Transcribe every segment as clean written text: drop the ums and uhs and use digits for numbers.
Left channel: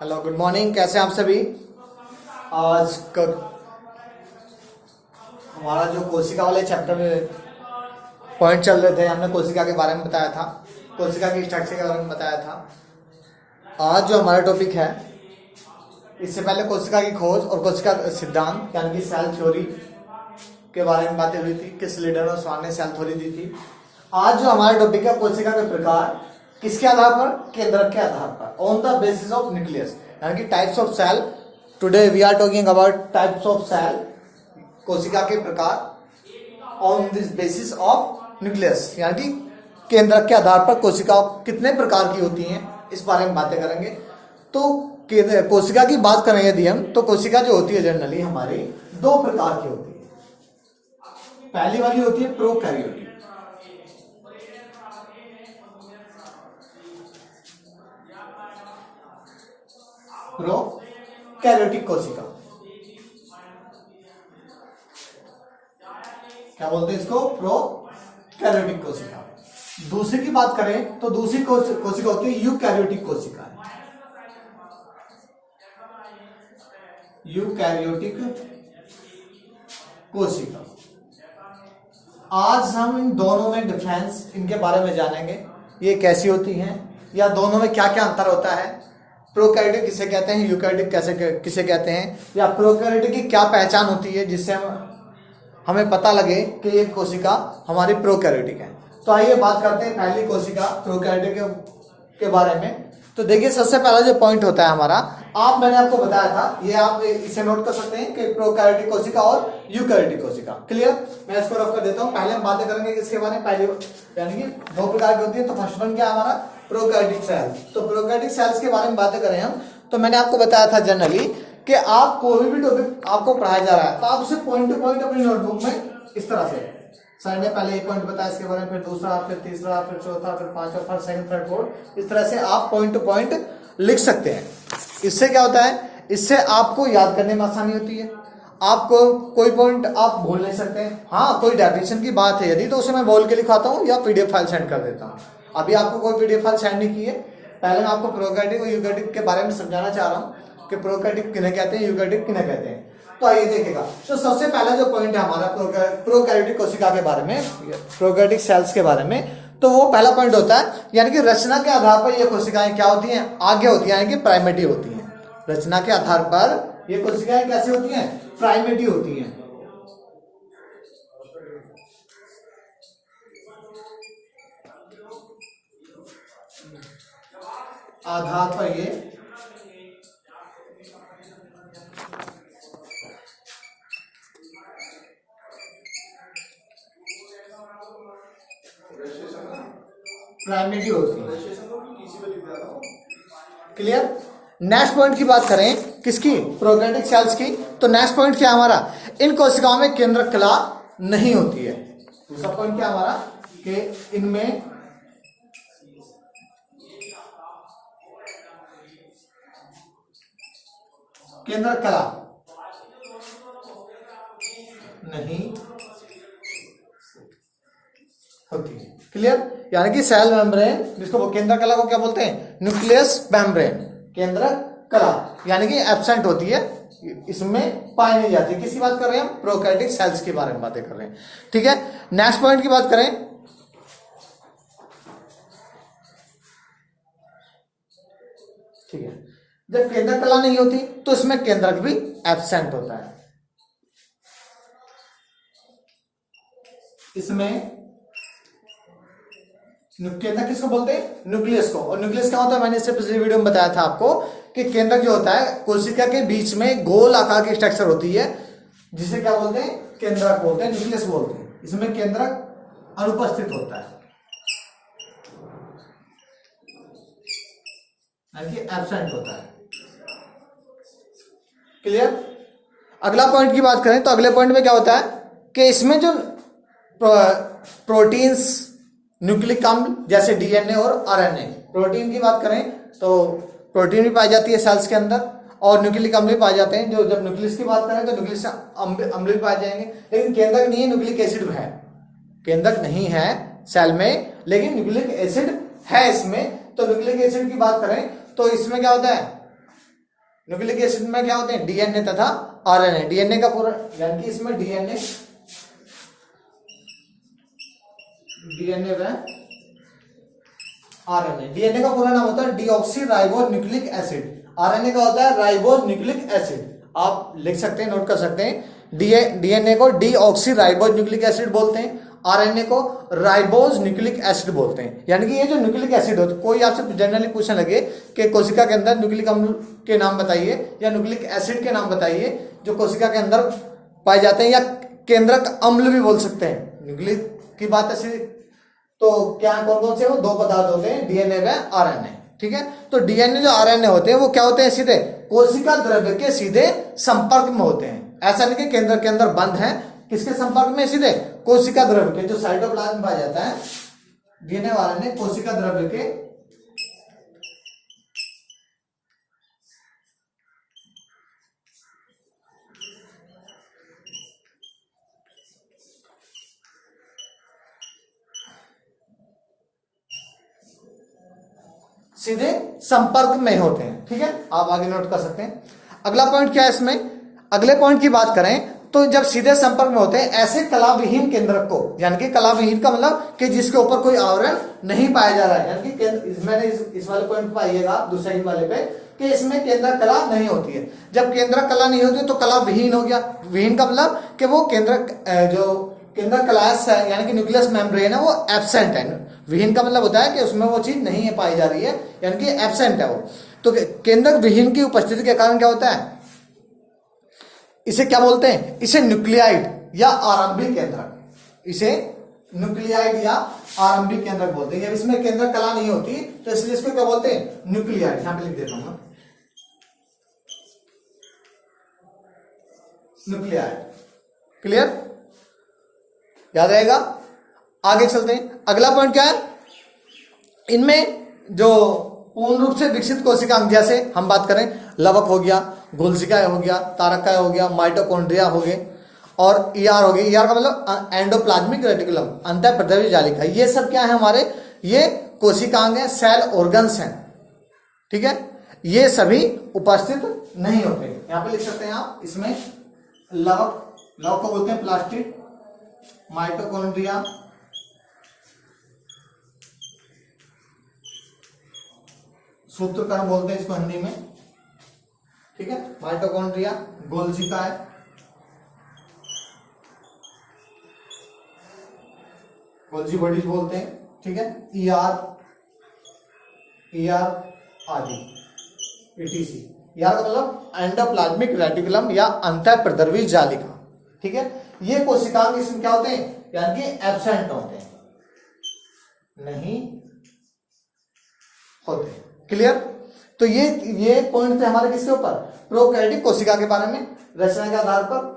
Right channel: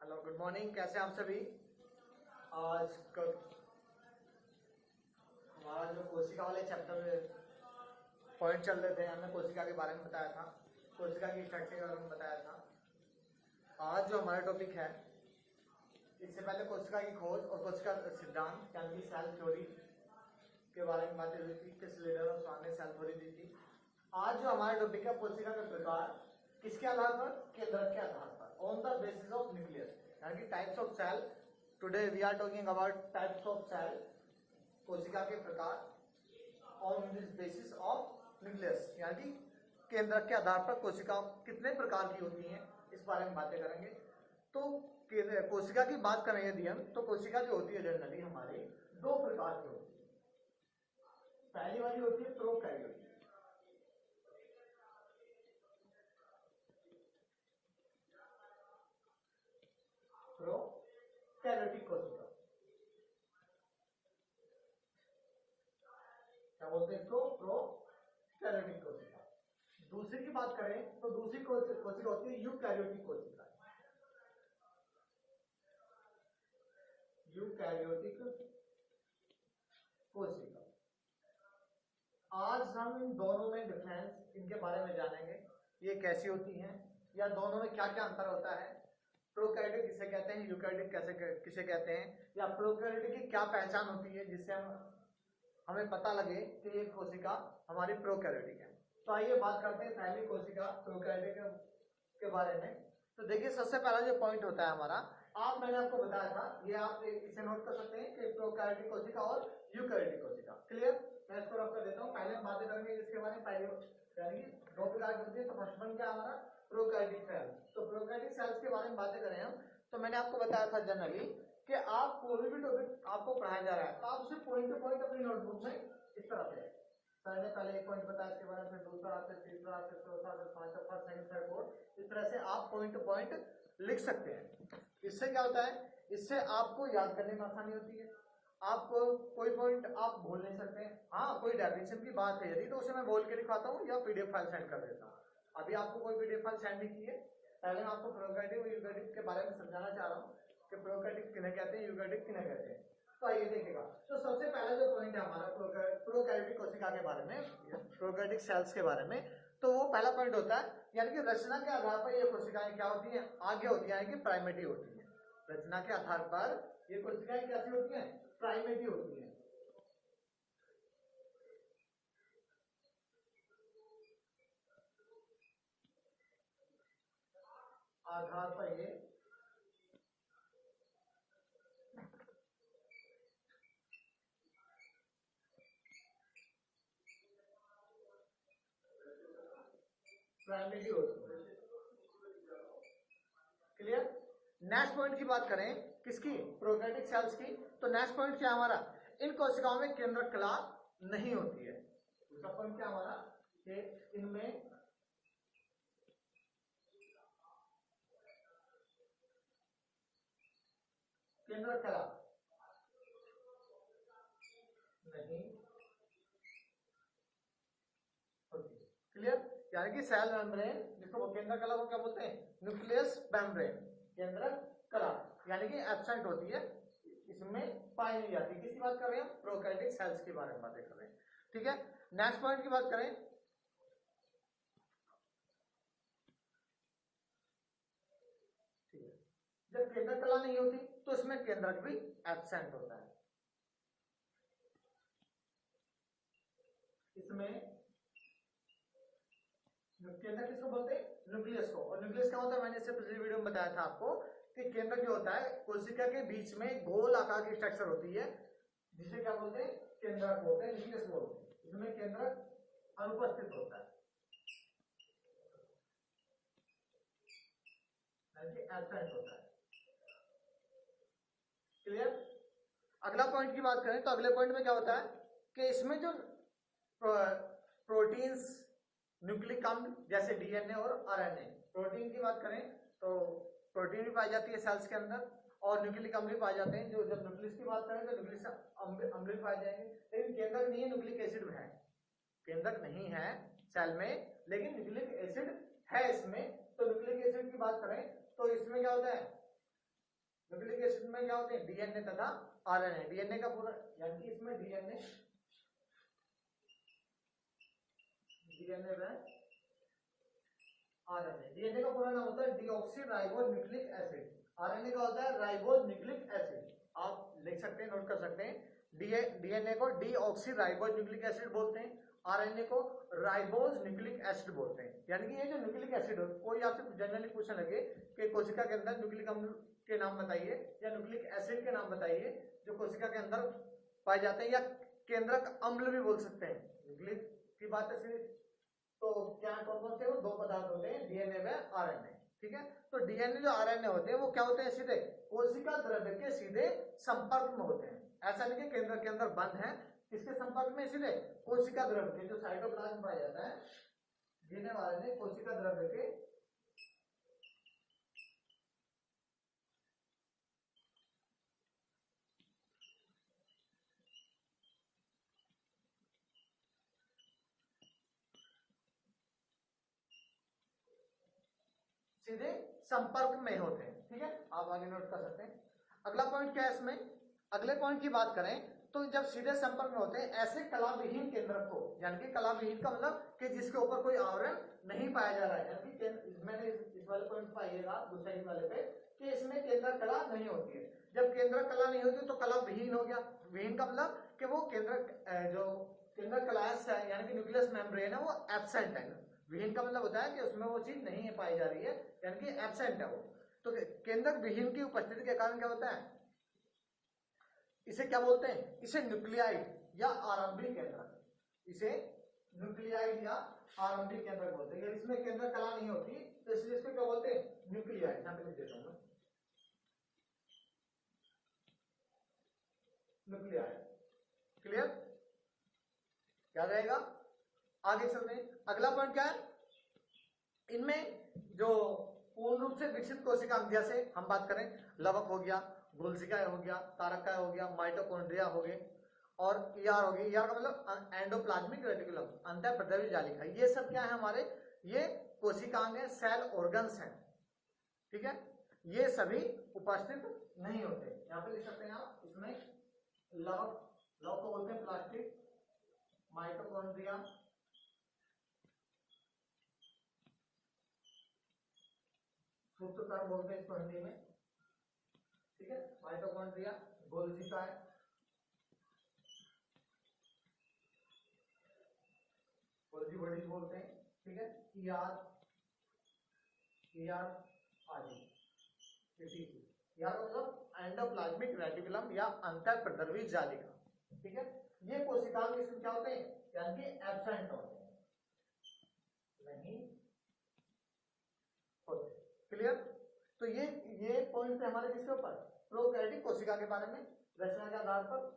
Hello, good morning. कैसे हैं आप सभी? आज हमारा जो कोशिका वाले चैप्टर में पॉइंट चल रहे थे, हमने कोशिका के बारे में बताया था, कोशिका की स्ट्रक्चर के बारे में बताया था। आज जो हमारा टॉपिक है, इससे पहले कोशिका की खोज और कोशिका सिद्धांत यानी कि सेल थ्योरी के बारे में बातें हुई थी। किस लीडर और स्वान ने सेल थ्योरी दी थी। आज जो हमारा टॉपिक है, कोशिका के प्रकार, किसके आधार पर? केंद्रक के आधार पर, on the basis of nucleus, यानी कि types of cell. Today we are talking about types of cell, कोशिका के प्रकार on this basis of nucleus, यानी कि केंद्रक के आधार पर कोशिका कितने प्रकार की होती हैं, इस बारे में बातें करेंगे। तो कोशिका की बात करें यदि हम, तो कोशिका जो होती है जनरली हमारी दो प्रकार की होती है। पहली वाली होती है प्रोकैरियोटिक, प्रोकैरियोटिक कोशिका, क्या बोलते हैं इसको? प्रोकैरियोटिक कोशिका। दूसरी की बात करें तो दूसरी कोशिका होती है यूकैरियोटिक कोशिका। यूकैरियोटिक कोशिका। आज हम इन दोनों में डिफरेंस, इनके बारे में जानेंगे, ये कैसी होती हैं या दोनों में क्या क्या अंतर होता है। प्रोकैरियोटिक किसे कहते हैं, यूकैरियोटिक किसे कहते हैं, या प्रोकैरियोटिक की क्या पहचान होती है जिससे हमें पता लगे कि ये कोशिका हमारी प्रोकैरियोटिक है। तो आइए बात करते हैं पहली कोशिका प्रोकैरियोटिक के बारे में। तो देखिए, सबसे पहला जो पॉइंट होता है हमारा, मैंने आपको बताया था, ये आप इसे नोट कर सकते हैं कि प्रोकैरियोटिक कोशिका और यूकैरियोटिक कोशिका। क्लियर? मैं इसको रफ कर देता हूँ। पहले हम बातें करेंगे किसके बारे में, पहले यानी कि दो प्रकार की होती है। तो फर्स्ट वन क्या हमारा? Prokaryotic cells. तो प्रोकैरियोटिक सेल्स के बारे में बातें करें हम, तो मैंने आपको बताया था जनरली कि आप कोई भी टॉपिक आपको पढ़ाया जा रहा है तो आप उसे पॉइंट टू पॉइंट अपनी नोटबुक में इस तरह से, सर ने पहले एक पॉइंट बताया इसके बारे में, फिर दूसरा, फिर तीसरा, फिर चौथा, फिर पांचवा, फिर सेकंड, थर्ड, फोर्थ, इस तरह से आप पॉइंट टू पॉइंट लिख सकते हैं। इससे क्या होता है? इससे आपको याद करने में आसानी होती है। आपको कोई पॉइंट आप भूल नहीं सकते हैं। हाँ, कोई डेफिनेशन की बात है यदि, तो उसे मैं बोल के लिखाता हूँ या पीडीएफ फाइल सेंड कर देता हूँ। अभी आपको कोई पीडीएफ फाइल सेंड नहीं की है। पहले मैं आपको प्रोकैरियोटिक और यूकैरियोटिक के बारे में समझाना चाह रहा हूँ कि प्रोकैरियोटिक किन्हें कहते हैं, यूकैरियोटिक किन्हें कहते हैं। तो आइए देखेगा। तो सबसे पहला जो पॉइंट है हमारा प्रोकैरियोटिक कोशिका के बारे में, प्रोकैरियोटिक सेल्स के बारे में, तो वो पहला पॉइंट होता है, यानी कि रचना के आधार पर ये कोशिकाएं क्या होती हैं? आगे होती हैं, यानी कि प्राइमेटिव होती हैं। रचना के आधार पर ये कोशिकाएं कैसी होती हैं? प्राइमेटिव होती हैं। आधार पर ये प्राइमेटिव होती है। क्लियर? नेक्स्ट पॉइंट की बात करें किसकी? प्रोकैरियोटिक सेल्स की। तो नेक्स्ट पॉइंट क्या हमारा? इन कोशिकाओं में केंद्रक कला नहीं होती है। दूसरा पॉइंट क्या हमारा? कि इनमें केंद्रक कला नहीं होती है। क्लियर? यानी कि सेल मेम्ब्रेन, जिसको केंद्रक कला को क्या बोलते हैं? न्यूक्लियस मेम्ब्रेन, केंद्रक कला, यानी कि एब्सेंट होती है, इसमें पाई नहीं जाती। किसकी बात कर रहे हैं हम? प्रोकैरियोटिक सेल्स के बारे में बातें कर रहे हैं। ठीक है, नेक्स्ट पॉइंट की बात करें, ठीक है, जब केंद्रक कला नहीं होती तो इसमें केंद्रक भी एब्सेंट होता है। इसमें केंद्रक किसको बोलते हैं? न्यूक्लियस को। और न्यूक्लियस क्या होता है? मैंने इससे पिछली वीडियो में बताया था आपको कि केंद्रक जो होता है, कोशिका के बीच में गोल आकार की स्ट्रक्चर होती है, जिसे क्या बोलते हैं? केंद्रक बोलते हैं, न्यूक्लियस बोलते हैं। इसमें केंद्रक अनुपस्थित होता है, यानी कि एब्सेंट होता है। क्लियर? अगला पॉइंट की बात करें तो अगले पॉइंट में क्या होता है कि इसमें जो प्रोटीन्स, न्यूक्लिक अम्ल जैसे डीएनए और आरएनए, प्रोटीन की बात करें तो प्रोटीन भी पाई जाती है सेल्स के अंदर, और न्यूक्लिक अम्ल भी पाए जाते हैं। जो जब न्यूक्लियस की बात करें तो न्यूक्लियस अम्ल भी पाए जाएंगे, लेकिन केंद्रक नहीं है, न्यूक्लिक एसिड है। केंद्रक नहीं है सेल में, लेकिन न्यूक्लिक एसिड है इसमें। तो न्यूक्लिक एसिड की बात करें तो इसमें क्या होता है? न्यूक्लिक एसिड में क्या होते हैं? डीएनए तथा आरएनए। डीएनए का पूरा यानी कि इसमें डीएनए व आरएनए। डीएनए का पूरा नाम होता है deoxy ribo nucleic acid. RNA का होता है राइबो न्यूक्लिक एसिड। आप लिख सकते हैं, नोट कर सकते हैं। डीएनए को डीऑक्सी राइबो न्यूक्लिक एसिड बोलते हैं, आरएनए को राइबोज न्यूक्लिक एसिड बोलते हैं। यानी कि ये जो न्यूक्लिक एसिड होता है, कोई आपसे जनरली पूछने लगे कि कोशिका के अंदर न्यूक्लिक अम्ल के नाम बताइए या न्यूक्लिक एसिड के नाम बताइए जो कोशिका के अंदर पाए जाते हैं, या केंद्रक अम्ल भी बोल सकते हैं। न्यूक्लिक की बात ऐसी तो क्या कौन कौन से? वो दो पदार्थ होते हैं, डीएनए व आरएनए। ठीक है, तो डीएनए जो आरएनए होते हैं वो क्या होते हैं? सीधे कोशिका द्रव्य के सीधे संपर्क में होते हैं। ऐसा नहीं कि केंद्र के अंदर बंद है, किसके संपर्क में? सीधे कोशिका द्रव्य के, जो साइटोप्लाज्म में पाया जाता है। डीएनए आरएनए कोशिका द्रव्य के सीधे संपर्क में होते हैं। ठीक है, आप आगे नोट कर सकते हैं। अगला पॉइंट क्या है इसमें? अगले पॉइंट की बात करें तो जब सीधे संपर्क में होते हैं ऐसे कलाविहीन केंद्रक को, यानी कि कलाविहीन का मतलब कि जिसके ऊपर कोई आवरण नहीं पाया जा रहा है, यानी कि मैंने इस वाले पॉइंट पर आइएगा दूसरे वाले पे कि इसमें केंद्र कला नहीं होती है। जब केंद्र कला नहीं होती तो कला विहीन हो गया। विहीन का मतलब कि वो केंद्र कलास है, यानी कि न्यूक्लियस मेम्ब्रेन है, वो एब्सेंट है। विहीन का मतलब होता है कि उसमें वो चीज नहीं है पाई जा रही है, यानी कि एब्सेंट है वो। तो केंद्रक विहीन की उपस्थिति के कारण क्या होता है? इसे क्या बोलते हैं? इसे न्यूक्लियाइड या आरंभिक केंद्रक, इसे न्यूक्लियाइड या आरंभिक केंद्रक बोलते हैं। इसमें केंद्र कला नहीं होती तो इसलिए इसको क्या बोलते हैं? न्यूक्लियाइड। यहां पे लिख देता हूं, न्यूक्लियाइड। क्लियर, याद रहेगा। आगे चलते हैं। अगला पॉइंट क्या है? इनमें जो पूर्ण रूप से विकसित कोशिकांग, जैसे हम बात करें लवक हो गया, घोलसिका हो गया, तारका हो गया, माइटोकॉन्ड्रिया हो गए और ईआर हो गई। ईआर का मतलब एंडोप्लाज्मिक रेटिकुलम, अंतःप्रद्रव्य जालिका। ये सब क्या है हमारे? ये कोशिकांग है, सेल ऑर्गन्स हैं। ठीक है, ये सभी उपस्थित नहीं होते। यहां पे लिख सकते हैं आप, इसमें लवक, लवक को बोलते हैं प्लास्टिड, माइटोकॉन्ड्रिया, सूत्रकण बोलते हैं इसको हिंदी में। ठीक है, माइटोकॉन्ड्रिया, गोल्जिका है, गोल्जी बॉडीज बोलते हैं। ठीक है, ईआर आदि, ईटीसी। ईआर का मतलब एंडोप्लाज्मिक रेटिकुलम या अंतःप्रद्रवी जालिका। ठीक है, ये कोशिकांग इसमें क्या होते हैं? यानी कि एब्सेंट होते हैं, नहीं होते। क्लियर। तो ये पॉइंट थे हमारे किसके ऊपर? प्रोकैरियोटिक कोशिका के बारे में। रचना के आधार पर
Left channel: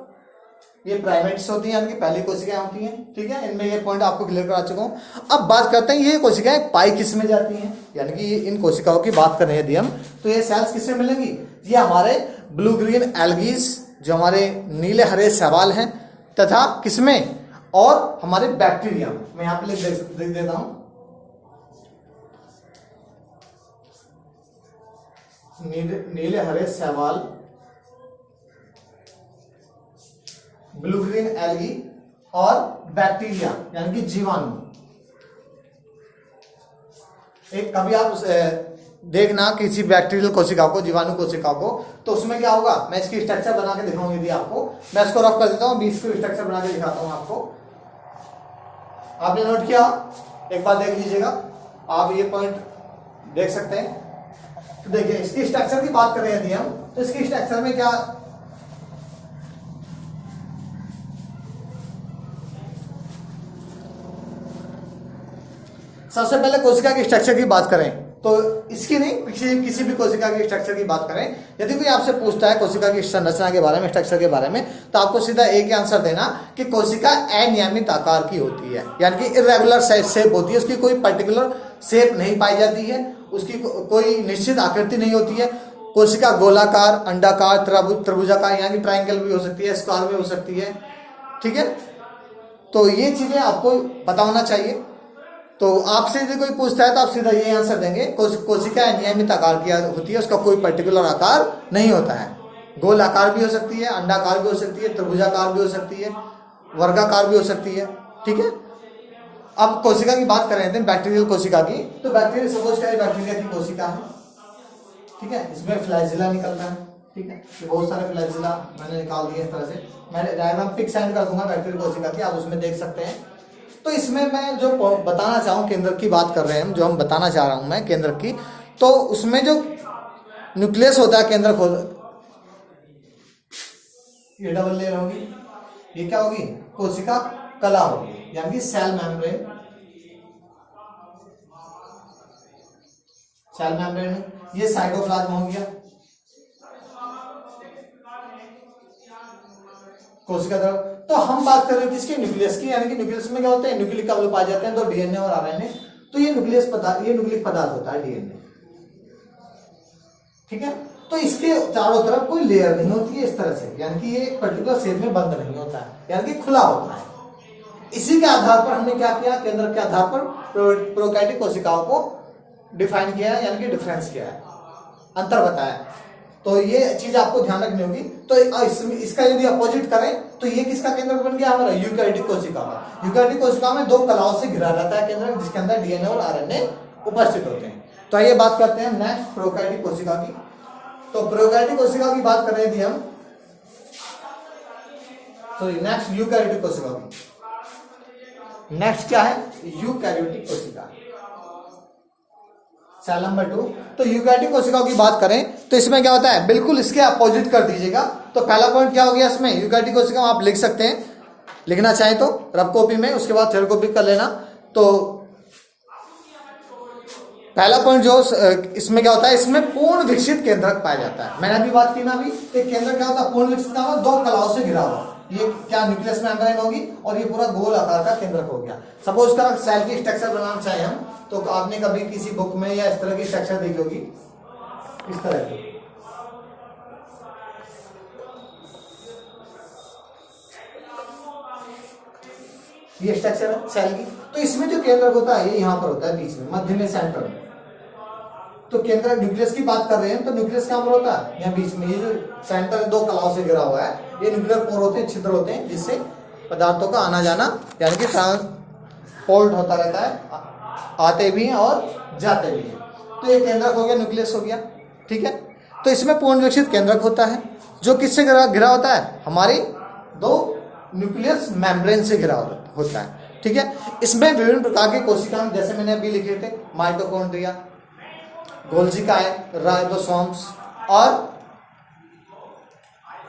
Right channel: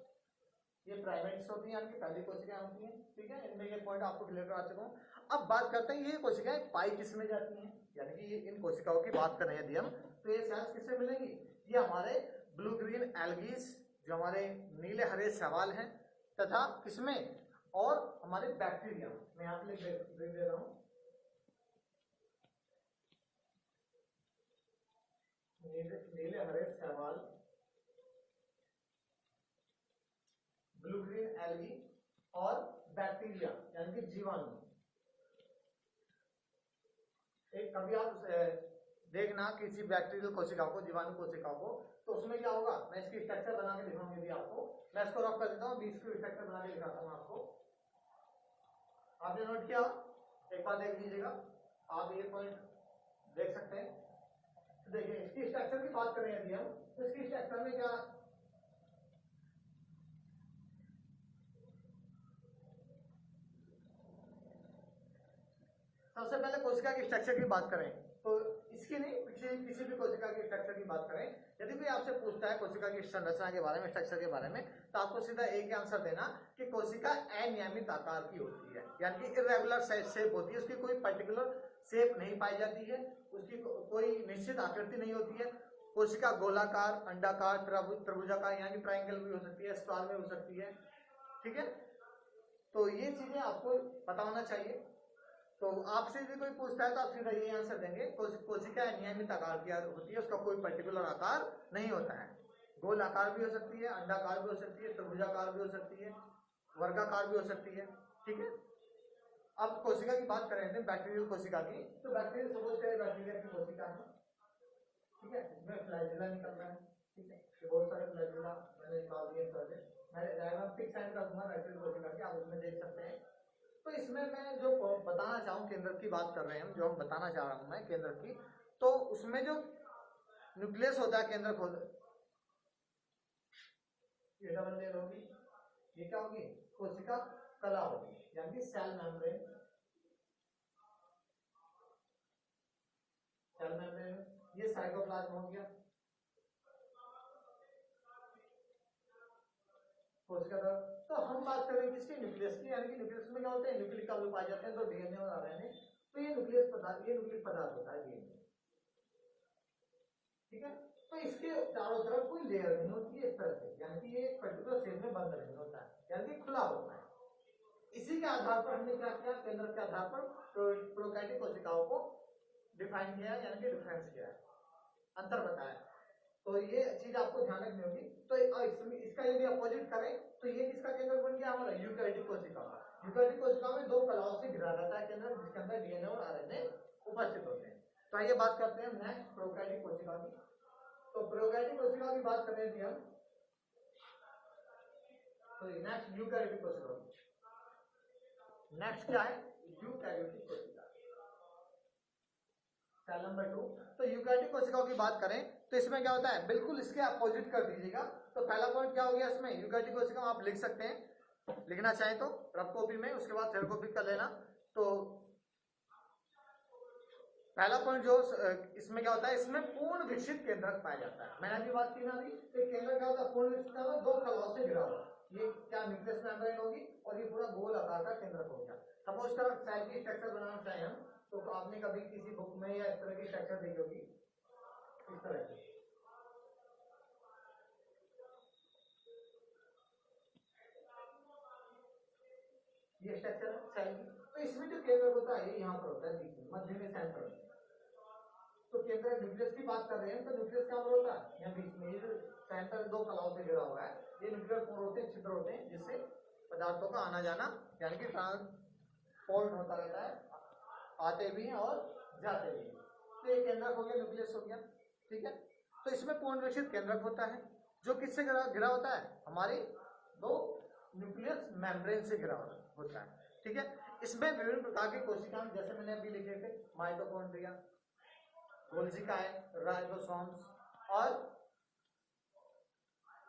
ये प्राइमेट्स होती हैं, यानी कि पहली कोशिकाएं होती हैं। ठीक है, इनमें ये पॉइंट आपको क्लियर करा चुका हूं। अब बात करते हैं ये कोशिकाएं पाई किस में जाती हैं, यानी कि इन कोशिकाओं की बात कर रहे हैं यदि हम, तो ये सेल्स किससे मिलेंगी? ये हमारे ब्लू ग्रीन एल्गीज, जो हमारे नीले हरे शैवाल हैं, तथा किसमें? और हमारे बैक्टीरिया। मैं यहां पे लिख देता हूं, नीले हरे शैवाल, ब्लू ग्रीन एल्गी और बैक्टीरिया यानी कि जीवाणु। एक कभी आप देखना किसी बैक्टीरियल कोशिका को, जीवाणु कोशिका को, तो उसमें क्या होगा? मैं इसकी स्ट्रक्चर बना के दिखाऊंगी यदि आपको। मैं इसको रफ कर देता हूं, 20 की स्ट्रक्चर बना के दिखाता हूं आपको। आपने नोट किया? एक बार देख लीजिएगा, आप ये पॉइंट देख सकते हैं। तो देखिए, इसकी स्ट्रक्चर की बात करें यदि हम, तो इसकी स्ट्रक्चर में क्या, सबसे पहले कोशिका की स्ट्रक्चर की बात करें तो इसकी नहीं, किसी भी कोशिका की स्ट्रक्चर की बात करें, यदि कोई आपसे पूछता है कोशिका की संरचना के बारे में, स्ट्रक्चर के बारे में, तो आपको सीधा एक ही आंसर देना कि कोशिका अनियमित आकार की होती है, यानी कि इरेगुलर शेप होती है। उसकी कोई पर्टिकुलर शेप नहीं पाई जाती है, उसकी कोई निश्चित आकृति नहीं होती है। कोशिका गोलाकार, अंडाकार, त्रिभुजाकार, यानी कि ट्रायंगल भी हो सकती है, स्क्वायर भी हो सकती है। ठीक है, तो ये चीजें आपको पता होना चाहिए। तो आपसे यदि कोई पूछता है तो आप सीधा ये आंसर देंगे, कोशिका अनियमित आकार की होती है, उसका कोई पर्टिकुलर आकार नहीं होता है। गोल आकार भी हो सकती है, अंडाकार भी हो सकती है, त्रिभुजाकार भी हो सकती है, वर्गाकार भी हो सकती है। ठीक है, अब कोशिका की बात कर रहे थे, बैक्टीरियल कोशिका की। तो बैक्टीरिया सपोज करें बैक्टीरिया की कोशिका है, ठीक है, इसमें फ्लैजिला निकलता है। ठीक है, ये बहुत सारे फ्लैजिला मैंने निकाल दिए इस तरह से। मैं डायग्राम पिक सेंड कर दूंगा बैक्टीरियल कोशिका की, आप उसमें देख सकते हैं। तो इसमें मैं जो बताना चाहूँ, केंद्र की बात कर रहे हैं हम, जो हम बताना चाह रहा हूँ मैं केंद्र की, तो उसमें जो न्यूक्लियस होता है केंद्र को, ये डबल लेयर होगी, ये क्या होगी, कोशिका कला होगी, यानी कि सेल मेम्ब्रेन। सेल मेम्ब्रेन, ये साइटोप्लाज्म हो गया, कोशिका द्रव। तो हम बात कर रहे हैं किसके, न्यूक्लियस की, यानी कि न्यूक्लियस में क्या होते हैं, न्यूक्लिक अवयव पाए जाते हैं, तो डीएनए और आरएनए। तो ये न्यूक्लियस पदार्थ, ये न्यूक्लिक पदार्थ होता है डीएनए। ठीक है, तो इसके चारों तरफ कोई लेयर नहीं होती है इस तरह से, यानी कि ये एक पर्टिकुलर शेप में बंद नहीं होता है, यानी कि खुला होता है। इसी के आधार पर हमने क्या किया, केंद्र के आधार पर प्रोकैरियोटिक कोशिकाओं को डिफाइन किया है, यानी कि डिफरेंस किया है, अंतर बताया। तो ये चीज आपको ध्यान रखनी होगी। तो इसका यदि अपोजिट करें तो ये किसका केंद्र बन गया हमारा, यूकैरियोटिक कोशिका का। यूकैरियोटिक कोशिका में दो कलाओं से घिरा रहता है केंद्र, जिसके अंदर डीएनए और आरएनए उपस्थित होते हैं। तो आइए बात करते हैं नेक्स्ट प्रोकैरियोटिक कोशिका की। तो प्रोकैरियोटिक कोशिका की बात कर रहे थे हम, तो नेक्स्ट यूकैरियोटिक कोशिका की। नेक्स्ट क्या है, यूकैरियोटिक कोशिका, सेल नंबर 2। तो यूकैरियोटिक कोशिकाओं की बात करें तो इसमें क्या होता है, बिल्कुल इसके अपोजिट कर दीजिएगा। तो पहला पॉइंट क्या हो गया इसमें, यूकैरियोटिक कोशिका आप लिख सकते हैं, लिखना चाहें तो रफ कॉपी में, उसके बाद थर्ड कॉपी कर लेना। तो पहला पॉइंट जो इसमें क्या होता है, इसमें पूर्ण विकसित केंद्रक पाया जाता है। मैंने अभी बात की ना, अभी एक केंद्र क्या होता है, पूर्ण विकसित का दो कलाओं से घिरा हुआ। ये क्या न्यूक्लियस मेम्ब्रेन होगी और ये पूरा गोल आकार का केंद्रक हो गया। सपोज कर सेल की स्ट्रक्चर बनाना चाहे हम, तो आपने कभी किसी बुक में या इस तरह की स्ट्रक्चर देखी होगी, इस तरह की। ये स्ट्रक्चर है सेल की। तो इसमें जो केंद्रक होता है ये यहाँ पर होता है, बीच में, मध्य में, सेंटर में। तो केंद्र न्यूक्लियस की बात कर रहे हैं, तो न्यूक्लियस कहाँ पर होता है, यहाँ बीच में। ये जो सेंटर दो कलाओं से घिरा हुआ है, ये न्यूक्लियर पोर होते हैं, छिद्र होते हैं, जिससे पदार्थों का आना जाना यानी कि ट्रांसपोर्ट होता रहता है, आते भी हैं और जाते भी हैं। तो ये केंद्रक हो गया, न्यूक्लियस हो गया। ठीक है, तो इसमें पूर्ण विकसित केंद्रक होता है, जो किससे घिरा होता है, हमारी दो न्यूक्लियस मेम्ब्रेन से घिरा होता है। ठीक है, इसमें विभिन्न प्रकार के कोशिकाएं, जैसे मैंने अभी लिखे थे, माइटोकॉन्ड्रिया, गोल्जी राइबोसोम्स और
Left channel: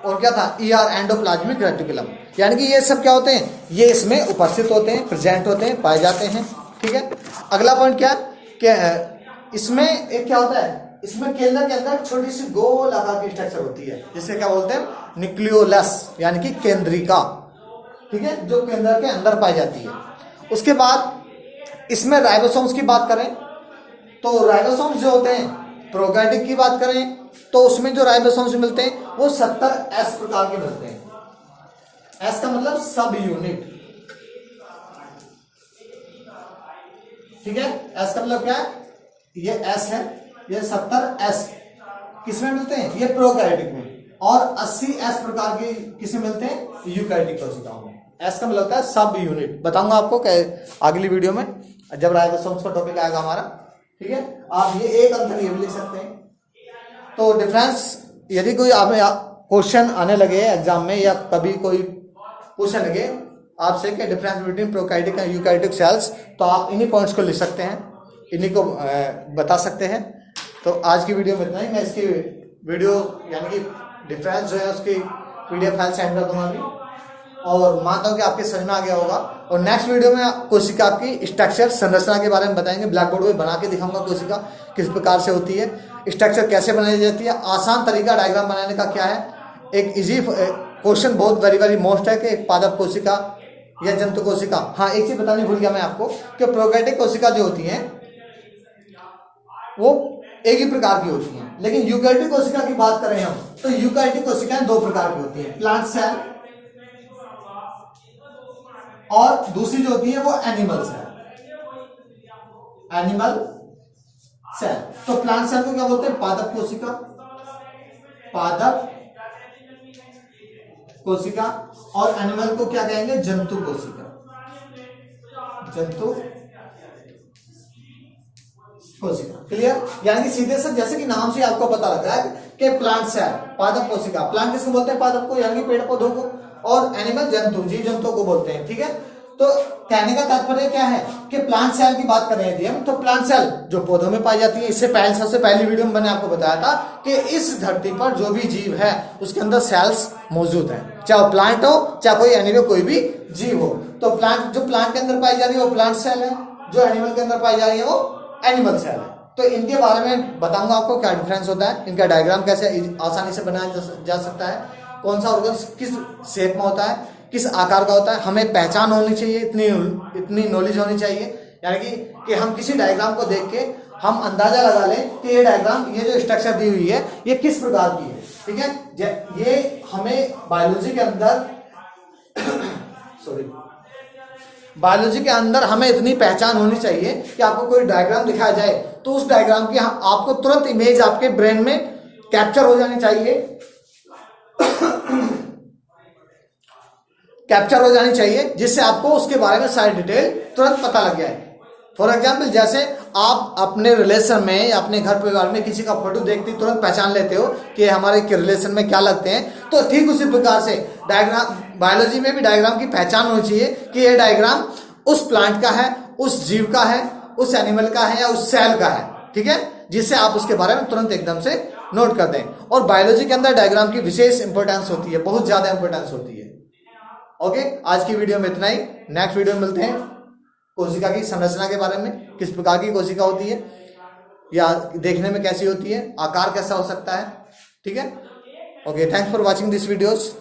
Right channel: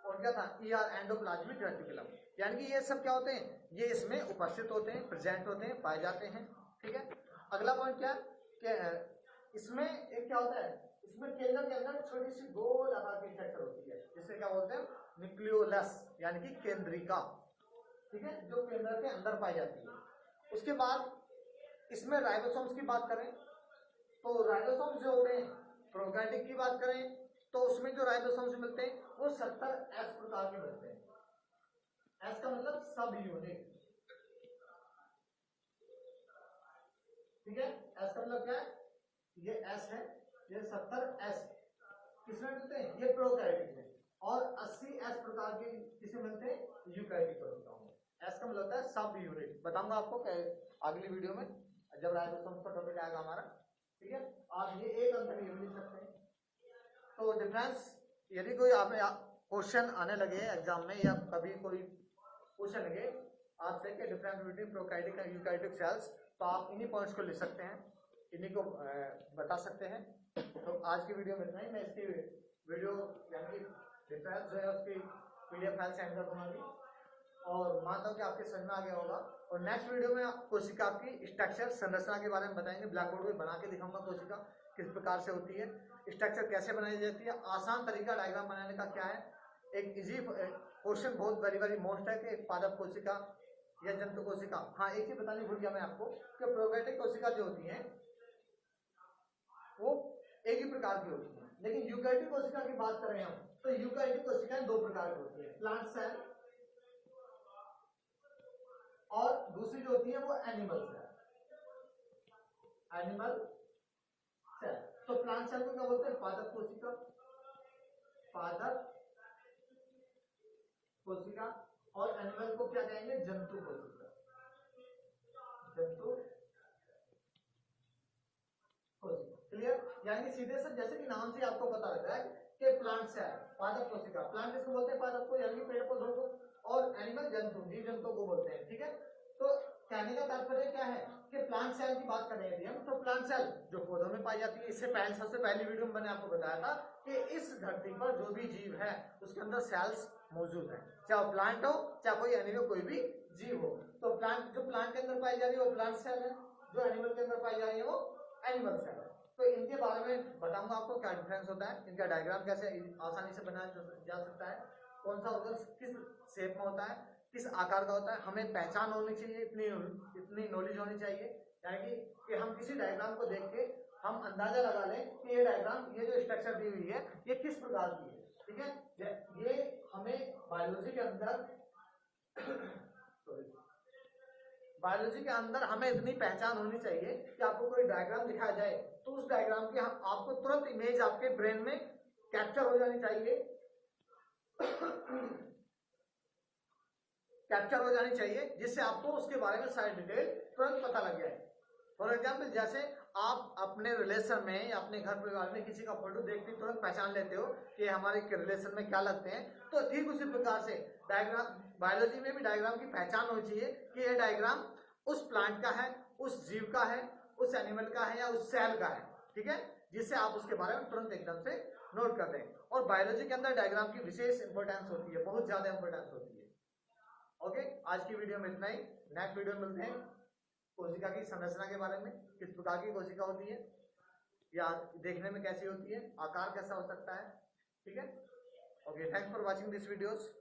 क्या था, ईआर एंडोप्लाज्मिक रेटिकुलम, यानी कि ये सब क्या होते हैं, ये इसमें उपस्थित होते हैं, प्रेजेंट होते हैं, पाए जाते हैं। ठीक है, अगला पॉइंट क्या इसमें एक क्या होता है, इसमें केंद्र के अंदर छोटी सी गोल आकार की स्ट्रक्चर होती है, जिसे क्या बोलते हैं, न्यूक्लियोलस, यानी कि केंद्रिका। ठीक है, जो केंद्र के अंदर पाई जाती है। उसके बाद इसमें राइबोसोम्स की बात करें तो राइबोसोम्स जो होते हैं, प्रोकैरियोटिक की बात करें तो उसमें जो राइबोसोम्स मिलते हैं वो 70S प्रकार के मिलते हैं। एस का मतलब सब यूनिट। ठीक है, एस का मतलब क्या है, ये एस है, ये 70S किसमें मिलते हैं, ये प्रोकैरियोटिक में, और 80S प्रकार के किसमें मिलते हैं, यूकैरियोटिक कोशिकाओं में। एस का मतलब होता है सब यूनिट। बताऊंगा आपको अगली वीडियो में जब राइबोसोम्स का टॉपिक आएगा हमारा। ठीक है, आप ये एक अंतर ये भी लिख सकते हैं। तो डिफरेंस, यदि कोई आप क्वेश्चन आने लगे एग्जाम में, या कभी कोई पूछने लगे आपसे कि difference between prokaryotic and eukaryotic cells, तो आप इन्हीं पॉइंट्स को लिख सकते हैं, इन्हीं को बता सकते हैं। तो आज की वीडियो में इतना ही। मैं इसकी वीडियो यानी कि डिफरेंस जो है उसकी PDF फाइल सेंड कर दूंगा अभी, और मानता हूँ कि आपके समझ में आ गया होगा। और नेक्स्ट वीडियो में कोशिका की स्ट्रक्चर संरचना के बारे में बताएंगे, ब्लैक बोर्ड में बना के दिखाऊंगा कोशिका किस प्रकार से होती है, स्ट्रक्चर कैसे बनाई जाती है, आसान तरीका डायग्राम बनाने का क्या है। एक इजी क्वेश्चन, बहुत वेरी मोस्ट है कि एक पादप कोशिका या जंतु कोशिका। हाँ, एक चीज बतानी भूल गया मैं आपको कि प्रोकैरियोटिक कोशिका जो होती है वो एक ही प्रकार की होती हैं, लेकिन यूकैरियोटिक कोशिका की बात करें हम तो यूकैरियोटिक कोशिकाएं दो प्रकार की होती हैं, प्लांट सेल, और दूसरी जो होती है वो एनिमल सेल। Animal cell. तो प्लांट सेल को क्या बोलते हैं? पादप कोशिका, पादप कोशिका। और एनिमल को क्या कहेंगे? जंतु कोशिका, जंतु कोशिका। क्लियर? यानी कि सीधे से जैसे कि नाम से आपको पता लग रहा है कि प्लांट सेल पादप कोशिका, प्लांट किसको बोलते हैं? पादप को, यानी कि पेड़ पौधों को। और एनिमल जंतु, जीव जंतुओं को बोलते हैं। ठीक है, तो कहने का तात्पर्य क्या है कि प्लांट सेल की बात कर रहे थे हम, तो प्लांट सेल जो पौधों में पाई जाती है। इससे पहले सबसे पहली वीडियो में मैंने आपको बताया था कि इस धरती पर जो भी जीव है उसके अंदर सेल्स मौजूद है, चाहे प्लांट हो चाहे कोई एनिमल, कोई भी जीव हो। तो प्लांट, जो प्लांट के अंदर पाई जा रही है वो प्लांट सेल है, जो एनिमल के अंदर पाई जा रही है वो एनिमल सेल है। तो इनके बारे में बताऊंगा आपको क्या डिफरेंस होता है, इनका डायग्राम कैसे आसानी से बनाया जा सकता है, कौन सा ऑर्गन किस शेप में होता है, किस आकार का होता है। हमें पहचान होनी चाहिए, इतनी नॉलेज होनी चाहिए, यानी कि हम किसी डायग्राम को देख के हम अंदाजा लगा लें कि ये डायग्राम, ये जो स्ट्रक्चर दी हुई है ये किस प्रकार की है। ठीक है, ये हमें बायोलॉजी के अंदर सॉरी बायोलॉजी के अंदर हमें इतनी पहचान होनी चाहिए कि आपको कोई डायग्राम दिखाया जाए तो उस डायग्राम की आपको तुरंत इमेज आपके ब्रेन में कैप्चर हो जानी चाहिए, कैप्चर हो जानी चाहिए, जिससे आपको उसके बारे में सारी डिटेल तुरंत पता लग जाए। फॉर एग्जाम्पल, जैसे आप अपने रिलेशन में या अपने घर परिवार में किसी का फोटो देखते तुरंत पहचान लेते हो कि हमारे के रिलेशन में क्या लगते हैं, तो ठीक उसी प्रकार से डायग्राम, बायोलॉजी में भी डायग्राम की पहचान होनी चाहिए कि ये डायग्राम उस प्लांट का है, उस जीव का है, उस एनिमल का है या उस सेल का है। ठीक है, जिससे आप उसके बारे में तुरंत एकदम से नोट कर दें। और बायोलॉजी के अंदर डायग्राम की विशेष इंपॉर्टेंस होती है, बहुत ज्यादा इंपॉर्टेंस होती है। ओके, आज की वीडियो में इतना ही। नेक्स्ट वीडियो में मिलते हैं कोशिका की संरचना के बारे में, किस प्रकार की कोशिका होती है या देखने में कैसी होती है, आकार कैसा हो सकता है। ठीक है, okay, thanks for watching this videos.